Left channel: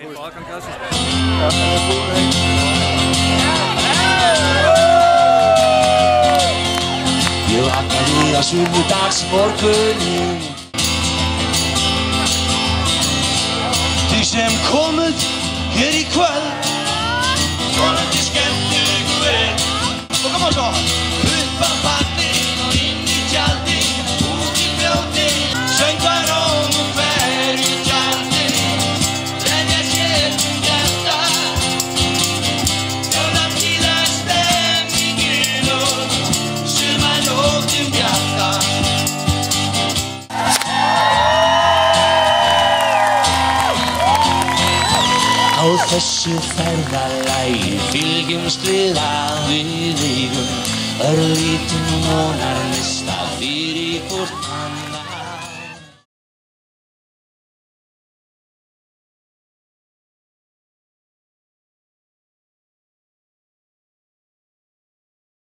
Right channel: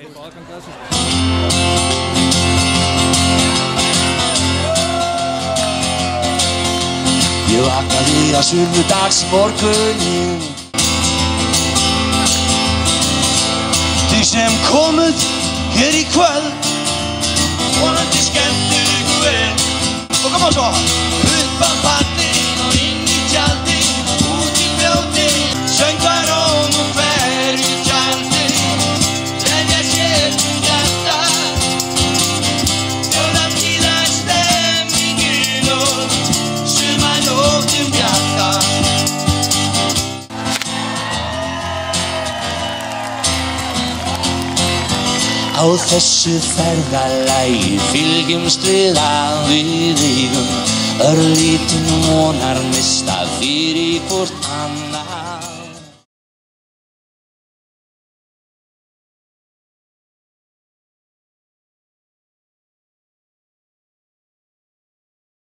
Heil aðgang að þessu. Ég vaknaði á sunnudagsmorguninn. Þið sem komuð hér í kvöld, vonandi skemmtu ykkur vel. Og koma svo! Upp á partinn og inn í tjaldinn, út í fljótinn, söngvarón og hverju tjaldinn, gleðja sér hjarta, jólatíða stemmingin og sumarnóttin bjarta. Á þessu ferðalagi fylgjumst við að við eigum örlítinn vonarneista fyrir hvort annan.